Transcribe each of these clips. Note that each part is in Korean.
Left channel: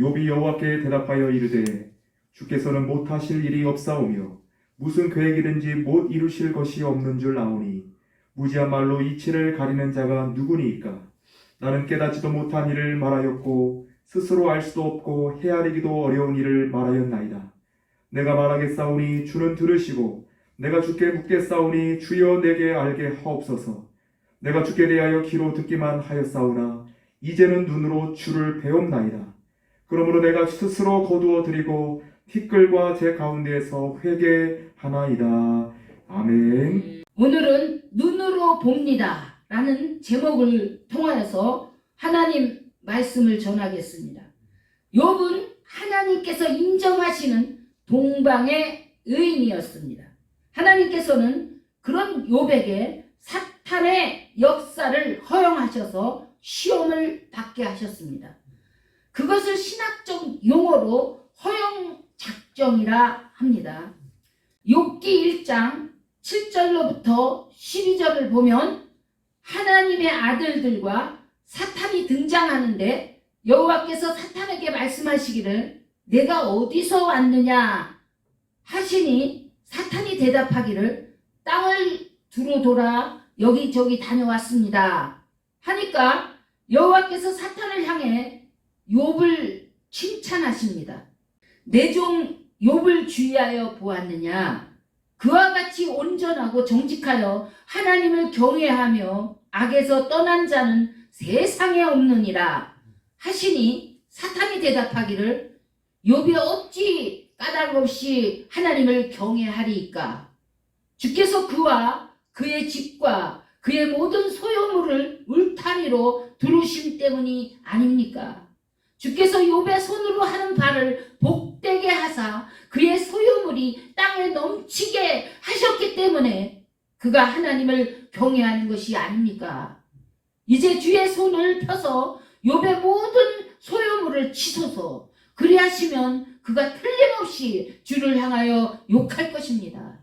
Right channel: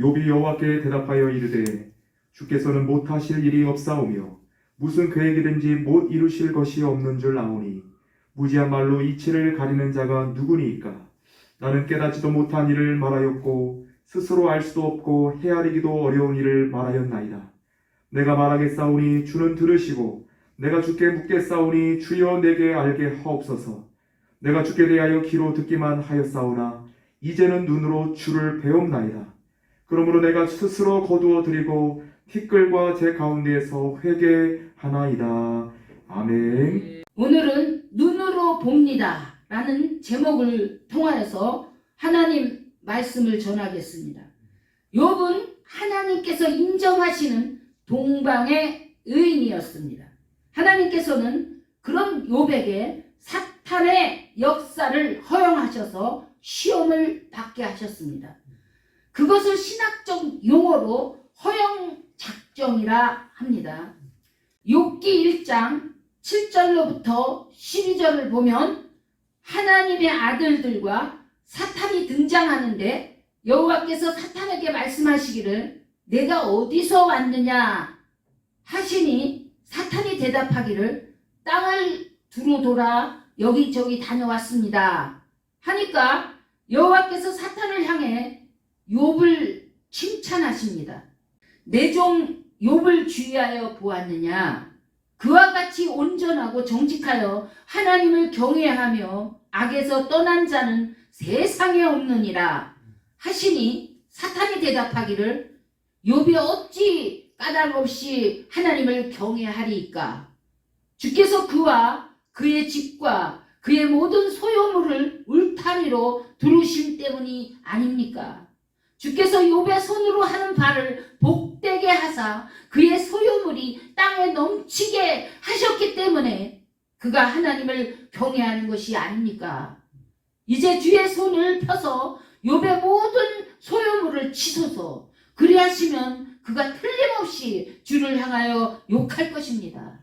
욥이 여호와께 대답하여 이르되 주께서는 못하실 일이 없사오며 무슨 계획이든지 못 이루실 것이 없는 줄 아오니 무지한 말로 이치를 가리는 자가 누구니이까. 나는 깨닫지도 못한 일을 말하였고 스스로 알 수도 없고 헤아리기도 어려운 일을 말하였나이다. 내가 말하겠사오니 주는 들으시고 내가 주께 묻겠사오니 주여 내게 알게 하옵소서. 내가 주께 대하여 귀로 듣기만 하였사오나 이제는 눈으로 주를 배웁나이다. 그러므로 내가 스스로 거두어 드리고 티끌과 제 가운데에서 회개하나이다. 아멘. 오늘은 눈으로 봅니다 라는 제목을 통하여서 하나님 말씀을 전하겠습니다. 욥은 하나님께서 인정하시는 동방의 의인이었습니다. 하나님께서는 그런 욥에게 사탄의 역사를 허용하셔서 시험을 받게 하셨습니다. 그것을 신학적 용어로 허영작정이라 합니다. 욥기 1장 7절로부터 12절을 보면 하나님의 아들들과 사탄이 등장하는데 여호와께서 사탄에게 말씀하시기를 내가 어디서 왔느냐 하시니 사탄이 대답하기를 땅을 두루 돌아 여기저기 다녀왔습니다 하니까 여호와께서 사탄을 향해 욥을 칭찬하십니다. 내 종 욥을 주의하여 보았느냐. 그와 같이 온전하고 정직하여 하나님을 경외하며 악에서 떠난 자는 세상에 없느니라 하시니 사탄이 대답하기를 욥이 어찌 까닭 없이 하나님을 경외하리이까. 주께서 그와 그의 집과 그의 모든 소유물을 울타리로 두르심 때문이 아닙니까? 주께서 욥의 손으로 하는 바를 복되게 하사 그의 소유물이 땅에 넘치게 하셨기 때문에 그가 하나님을 경외하는 것이 아닙니까? 이제 주의 손을 펴서 욥의 모든 소유물을 치소서. 그리하시면 그가 틀림없이 주를 향하여 욕할 것입니다.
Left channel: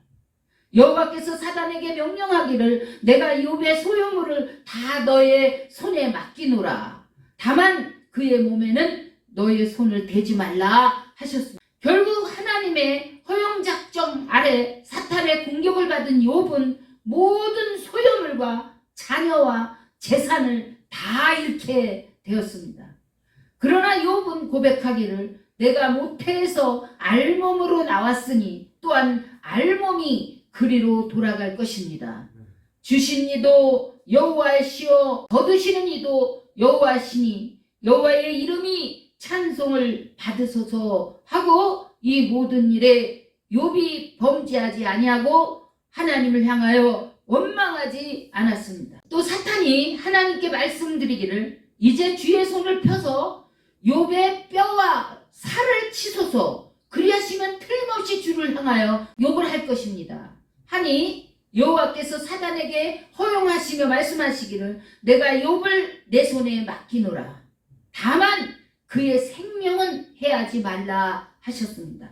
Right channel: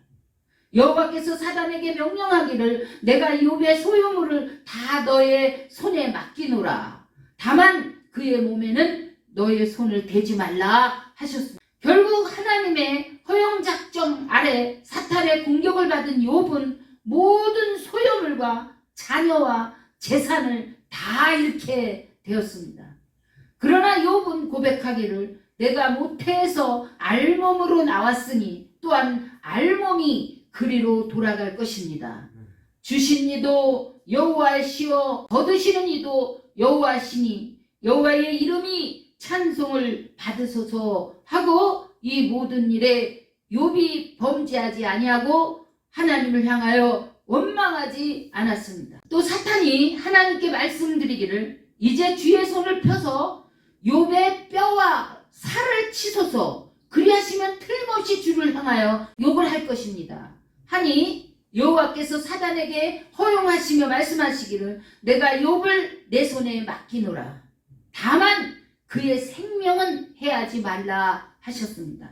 여호와께서 사단에게 명령하기를 내가 욥의 소유물을 다 너의 손에 맡기노라. 다만 그의 몸에는 너의 손을 대지 말라 하셨습니다. 결국 하나님의 허용작정 아래 사탄의 공격을 받은 욥은 모든 소유물과 자녀와 재산을 다 잃게 되었습니다. 그러나 욥은 고백하기를 내가 모태에서 알몸으로 나왔으니 또한 알몸이 그리로 돌아갈 것입니다. 주신 이도 여호와시요 거두시는 이도 여호와시니 여호와의 이름이 찬송을 받으소서 하고 이 모든 일에 욥이 범죄하지 아니하고 하나님을 향하여 원망하지 않았습니다. 또 사탄이 하나님께 말씀드리기를 이제 주의 손을 펴서 욥의 뼈와 살을 치소서. 그리하시면 틀림없이 주를 향하여 욕을 할 것입니다. 하니 여호와께서 사단에게 허용하시며 말씀하시기를 내가 욥을 내 손에 맡기노라. 다만 그의 생명은 해하지 말라 하셨습니다.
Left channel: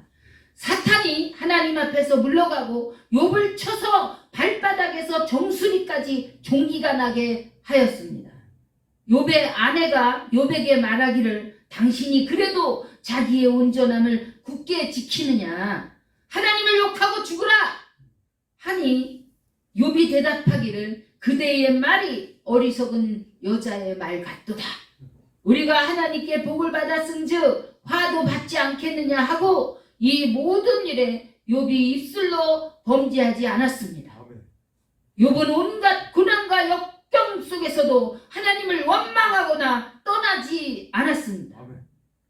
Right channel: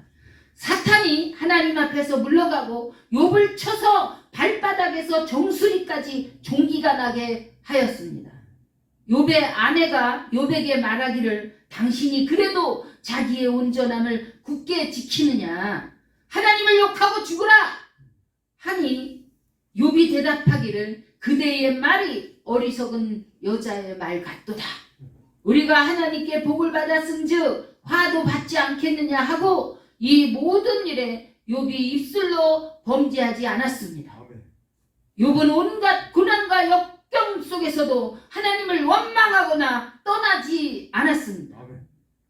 사탄이 하나님 앞에서 물러가고 욥을 쳐서 발바닥에서 정수리까지 종기가 나게 하였습니다. 욥의 아내가 욥에게 말하기를 당신이 그래도 자기의 온전함을 굳게 지키느냐. 하나님을 욕하고 죽으라 하니 욥이 대답하기를 그대의 말이 어리석은 여자의 말 같도다. 우리가 하나님께 복을 받았은즉 화도 받지 않겠느냐 하고 이 모든 일에 욥이 입술로 범죄하지 않았습니다. 욥은 온갖 고난과 역경 속에서도 하나님을 원망하거나 떠나지 않았습니다.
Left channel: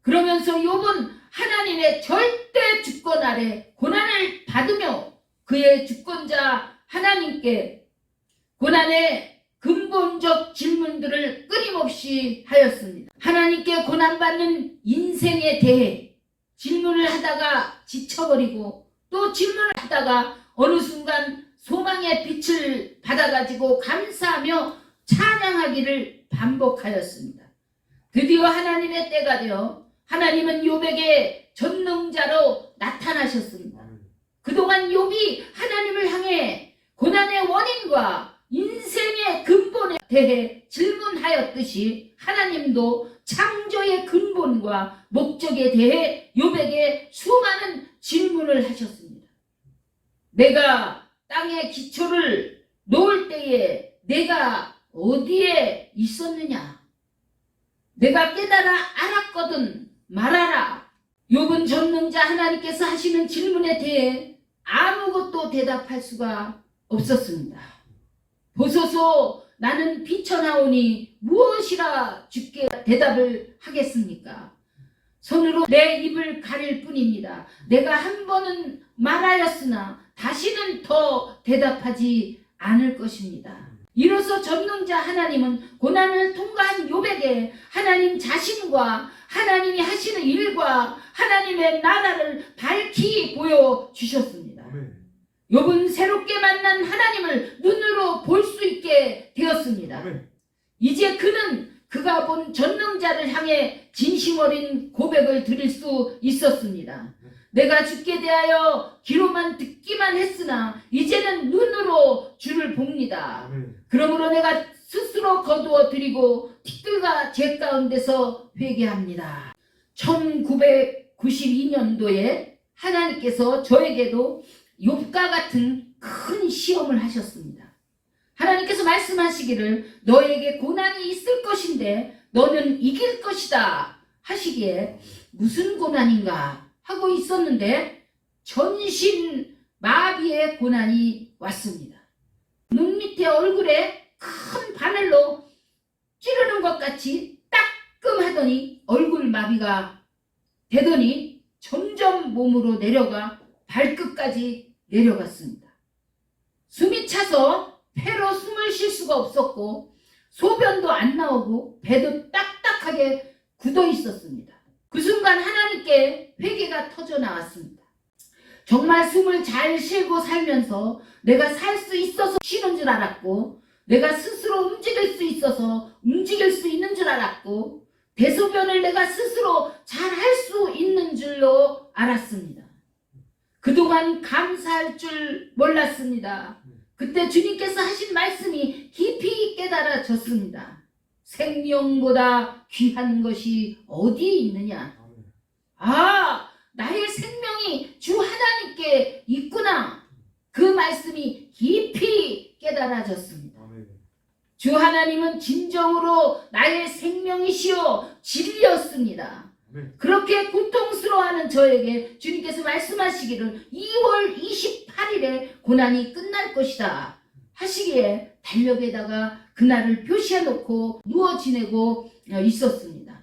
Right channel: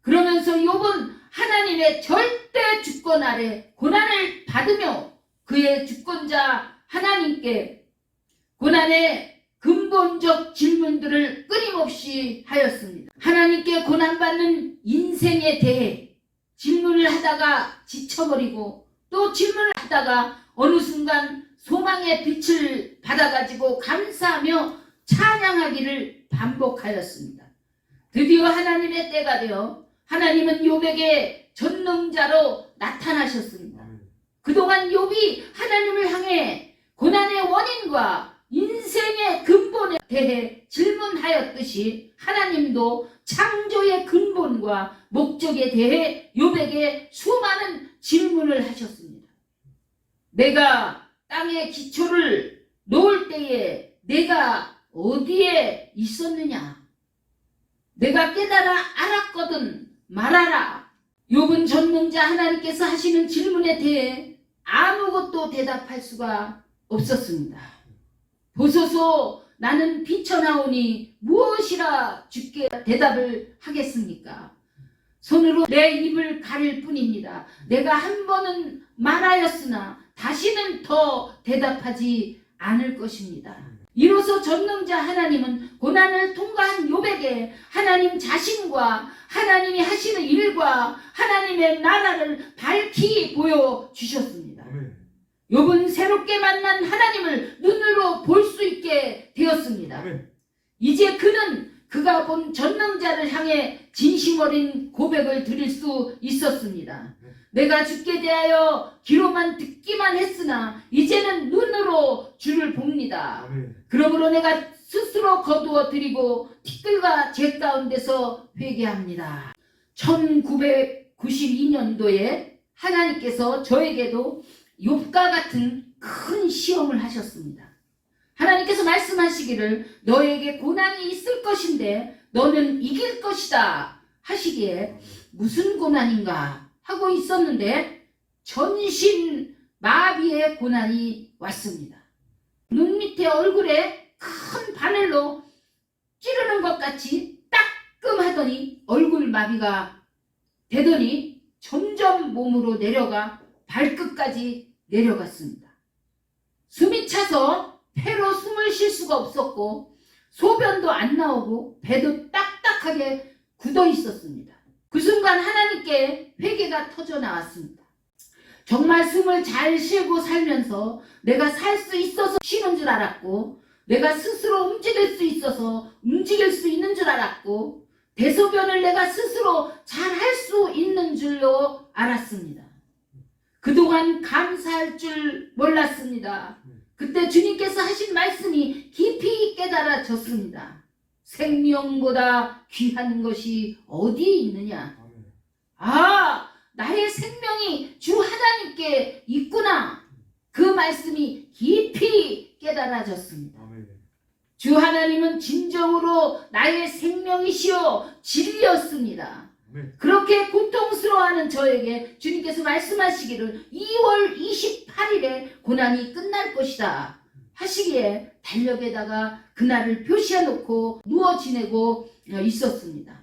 그러면서 욥은 하나님의 절대 주권 아래 고난을 받으며 그의 주권자 하나님께 고난의 근본적 질문들을 끊임없이 하였습니다. 하나님께 고난받는 인생에 대해 질문을 하다가 지쳐버리고 또 질문을 하다가 어느 순간 소망의 빛을 받아가지고 감사하며 찬양하기를 반복하였습니다. 드디어 하나님의 때가 되어 하나님은 욥에게 전능자로 나타나셨습니다. 그동안 욥이 하나님을 향해 고난의 원인과 인생의 근본에 대해 질문하였듯이 하나님도 창조의 근본과 목적에 대해 욥에게 수많은 질문을 하셨습니다. 내가 땅의 기초를 놓을 때에 내가 어디에 있었느냐? 내가 깨달아 알았거든 말하라. 욥은 전능자 하나님께서 하시는 질문에 대해 아무것도 대답할 수가 없었습니다. 보소서 나는 비쳐나오니 무엇이라 주께 대답을 하겠습니까? 손으로 내 입을 가릴 뿐입니다. 내가 한 번은 말하였으나 다시는 더 대답하지 않을 것입니다. 이로써 전능자 하나님은 고난을 통과한 욥에게 하나님 자신과 하나님이 하시는 일과 하나님의 나라를 밝히 보여주셨습니다. 욥은 새롭게 만난 하나님을 눈으로 볼 수 있게 되었습니다. 이제 그는 그가 본 전능자를 향해 진심 어린 고백을 드릴 수 있었습니다. 내가 주께 대하여 귀로만 듣기만 했으나 이제는 눈으로 주를 봅니다. 그러므로 내가 스스로 거두어 드리고 티끌과 재 가운데서 회개합니다. 1992년도에 하나님께서 저에게도 욥과 같은 큰 시험을 하셨습니다. 하나님께서 말씀하시기를 너에게 고난이 있을 것인데 너는 이길 것이다 하시기에 무슨 고난인가 하고 있었는데 전신 마비의 고난이 왔습니다. 눈 밑에 얼굴에 큰 바늘로 찌르는 것 같이 따끔하더니 얼굴 마비가 되더니 점점 몸으로 내려가 발끝까지 내려갔습니다. 숨이 차서 폐로 숨을 쉴 수가 없었고 소변도 안 나오고 배도 딱딱하게 굳어 있었습니다. 그 순간 하나님께 회개가 터져 나왔습니다. 정말 숨을 잘 쉬고 살면서 내가 살 수 있어서 쉬는 줄 알았고 내가 스스로 움직일 수 있어서 움직일 수 있는 줄 알았고 대소변을 내가 스스로 잘 할 수 있는 줄로 알았습니다. 그동안 감사할 줄 몰랐습니다. 그때 주님께서 하신 말씀이 깊이 깨달아졌습니다. 생명보다 귀한 것이 어디에 있느냐? 아, 나의 생명이 주 하나님께 있구나. 그 말씀이 깊이 깨달아졌습니다. 주 하나님은 진정으로 나의 생명이시요 진리였습니다. 그렇게 고통스러워하는 저에게 주님께서 말씀하시기를 2월 28일에 고난이 끝날 것이다 하시기에 달력에다가 그날을 표시해 놓고 누워 지내고 있었습니다.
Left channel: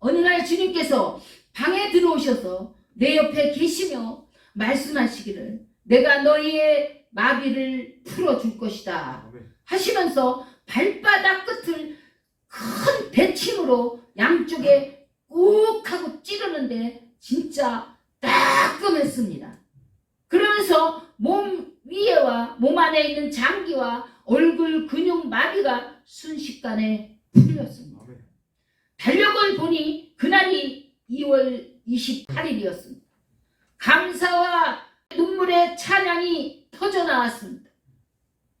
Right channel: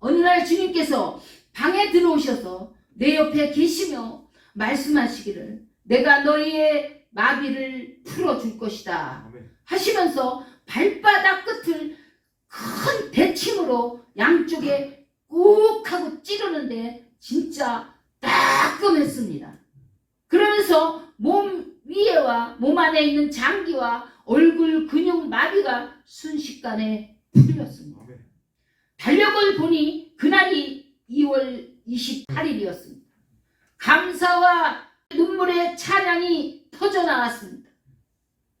어느 날 주님께서 방에 들어오셔서 내 옆에 계시며 말씀하시기를 내가 너희의 마비를 풀어줄 것이다 하시면서 발바닥 끝을 큰 대침으로 양쪽에 꾹 하고 찌르는데 진짜 따끔했습니다. 그러면서 몸 위에와 몸 안에 있는 장기와 얼굴 근육 마비가 순식간에 풀렸습니다. 달력을 보니 그날이 2월 28일이었습니다. 감사와 눈물의 찬양이 터져 나왔습니다.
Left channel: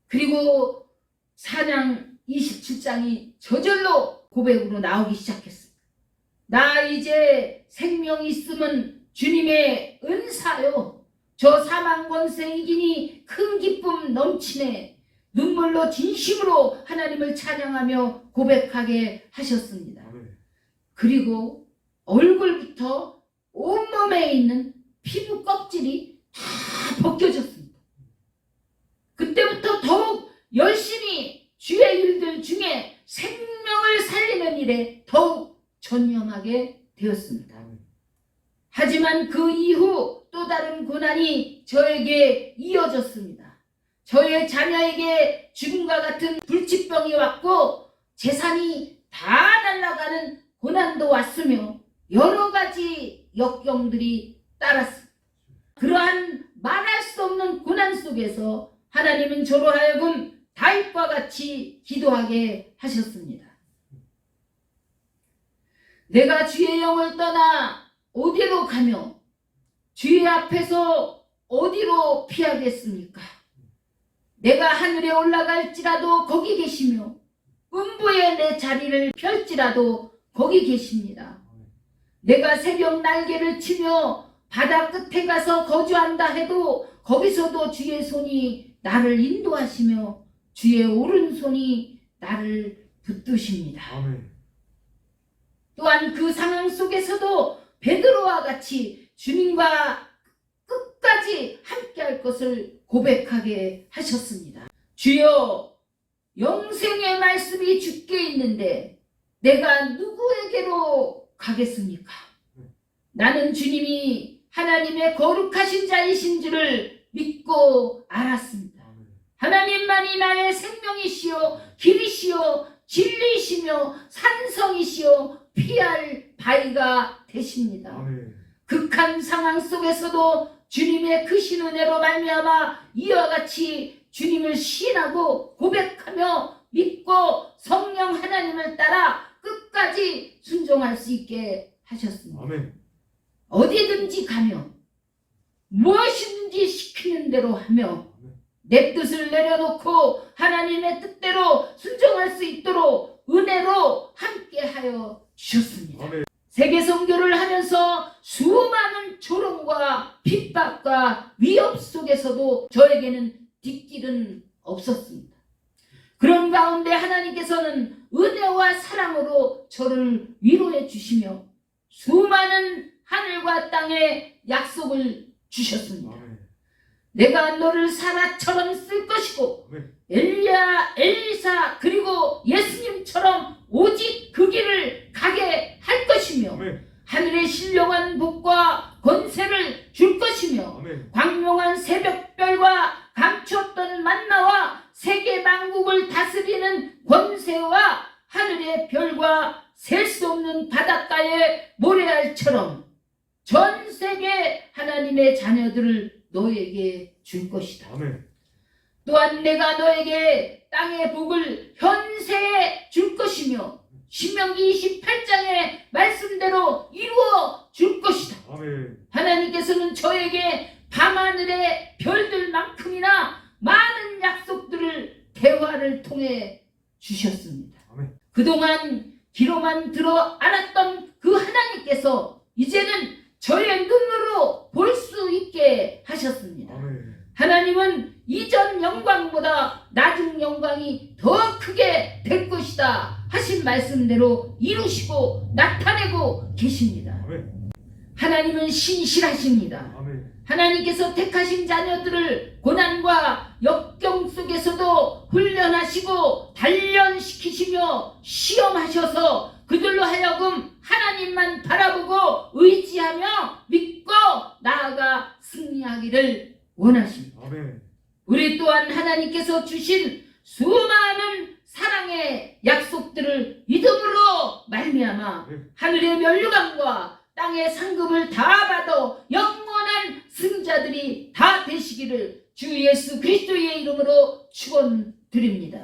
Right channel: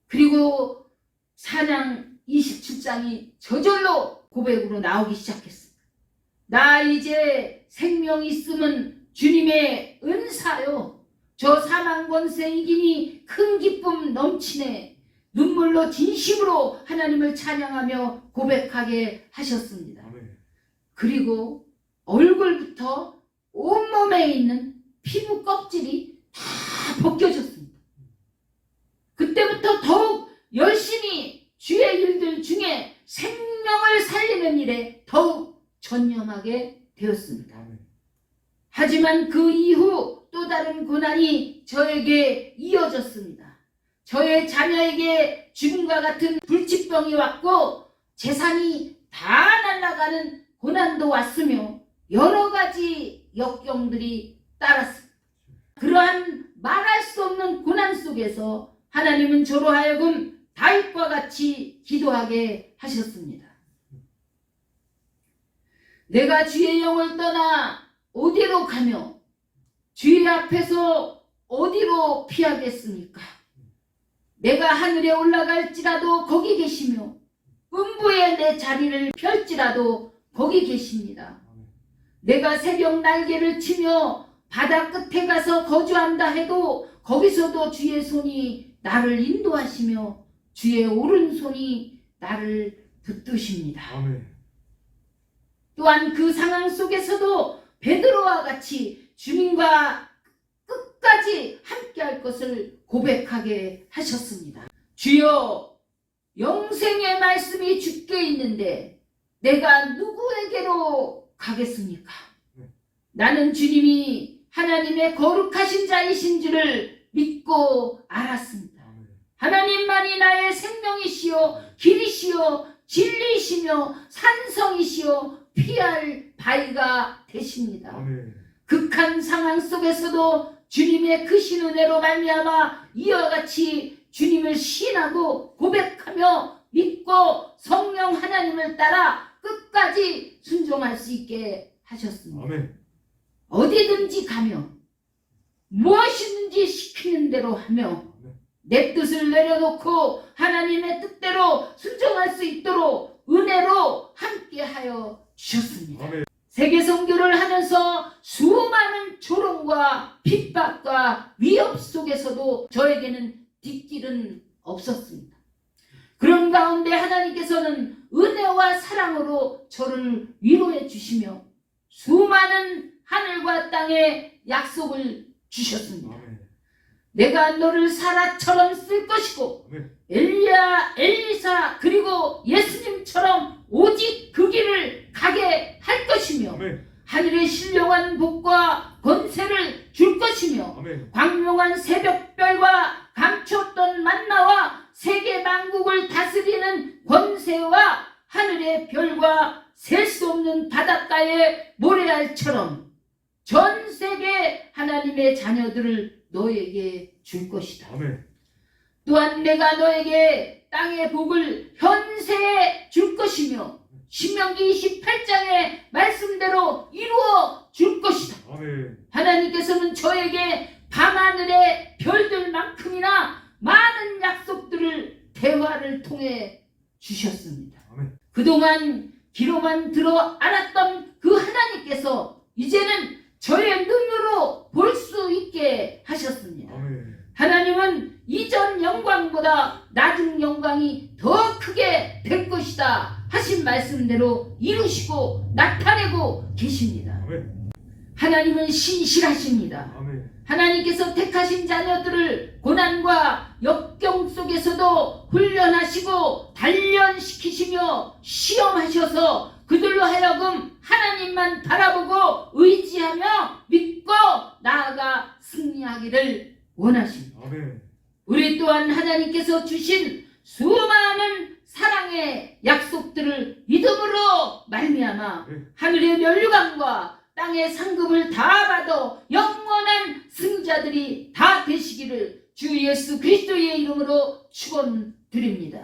그리고 찬양 27장이 저절로 고백으로 나오기 시작했습니다. 나 이제 생명 있음은 주님의 은사요. 저 사망 권세 이기니 큰 기쁨 넘치네. 눈물로 진심으로 하나님을 찬양하며 고백하게 하셨습니다. 그리고 얼굴부터 온몸에 있는 피부 껍질이 다 벗겨졌습니다. 그때부터 더욱 열심히 주의 일들 중에 생명을 살리는 일에 더욱 전념하게 되었습니다. 하지만 그 이후 또 다른 고난이 저에게 이어졌습니다. 저의 자녀에게 죽음과 같은 불치병이 왔고 재산이 다 날아가는 고난도 왔으며 여러 가지 역경들이 따랐습니다. 그러한 말할 수 없는 고난 속에서 하나님은 저로 하여금 다윗과 같이 기도하게 하셨습니다. 내가 주의 영을 떠나 어디로 가며 주의 앞에서 어디로 피하겠습니까? 내가 하늘에 올라갈지라도 거기 계시며 음부에 내 자리를 펼지라도 거기 계십니다. 내가 새벽 날개를 치며 바다 끝에 가서 거주한다 해도 거기서도 주의 손이 나를 인도하시며 주의 오른손이 나를 붙드십니다. 아멘. 또한 그 상황 속에서도 베드로와 같이 주님과 끝까지 함께할 것을 고백하게 하셨습니다. 주여, 영생의 말씀이 주께 있는데 내가 누구에게로 가겠습니까? 나는 주님이 하나님의 거룩하신 자이신 줄을 믿고 알았습니다. 하나님만이 나의 생명이시요 길이시요 진리시며 산성이시요 피할 바위가 되십니다. 아멘. 극한 상황 속에서도 주님의 크신 은혜로 말미암아 이와 같이 주님을 시인하고 고백하며 믿고 성령 하나님을 따라 끝까지 순종할 수 있게 하셨습니다. 아멘. 어디든지 가며 무엇이든지 시키는 대로 하며 내 뜻을 내려놓고 하나님의 뜻대로 순종할 수 있도록 은혜로 함께하여 주셨습니다. 아멘. 세계 선교를 하면서 수많은 조롱과 핍박과 위협 속에서도 저에게는 뒷길은 없었습니다. 그런 가운데 하나님께서는 은혜와 사랑으로 저를 위로해 주시며 수많은 하늘과 땅의 약속을 주셨습니다. 아멘. 내가 너를 사라처럼 쓸 것이고 아멘. 엘리야, 엘리사 그리고 예수님처럼 오직 그 길을 가게 할 것이며 아멘. 하늘의 신령한 복과 권세를 줄 것이며 아멘. 광명한 새벽별과 감췄던 만나와 세계 만국을 다스리는 권세와 하늘의 별과 셀 수 없는 바닷가의 모래알처럼 전 세계 하나님의 자녀들을 너에게 줄 것이다. 아멘. 또한 내가 너에게 땅의 복을 현세에 줄 것이며 신명기 28장의 말씀대로 이루어 줄 것이다. 아멘. 하나님께서는 저에게 밤하늘의 별들만큼이나 많은 약속들을 대화를 통해 주셨습니다. 아멘. 그동안 귀로만 들어 알았던 그 하나님께서 이제는 저의 눈으로 볼 수 있게 하셨습니다. 아멘. 하나님은 이전 영광보다 나중 영광이 더 크게 될 것이다 하신 말씀대로 이루시고 나타내고 계십니다. 아멘. 하나님은 신실하십니다. 아멘. 하나님께서 택하신 자녀들을 고난과 역경 속에서도 훈련하시고 단련시키시며 시험하셔서 그들로 하여금 하나님만 바라보고 의지하며 믿고 나아가 승리하기를 원하십니다. 아멘. 우리 또한 하나님께서 주신 수많은 사랑의 약속들을 믿음으로 말미암아 하늘의 면류관과 땅의 상급을 다 받아 영원한 승자들이 다 되시기를 주 예수 그리스도의 이름으로 축원드립니다.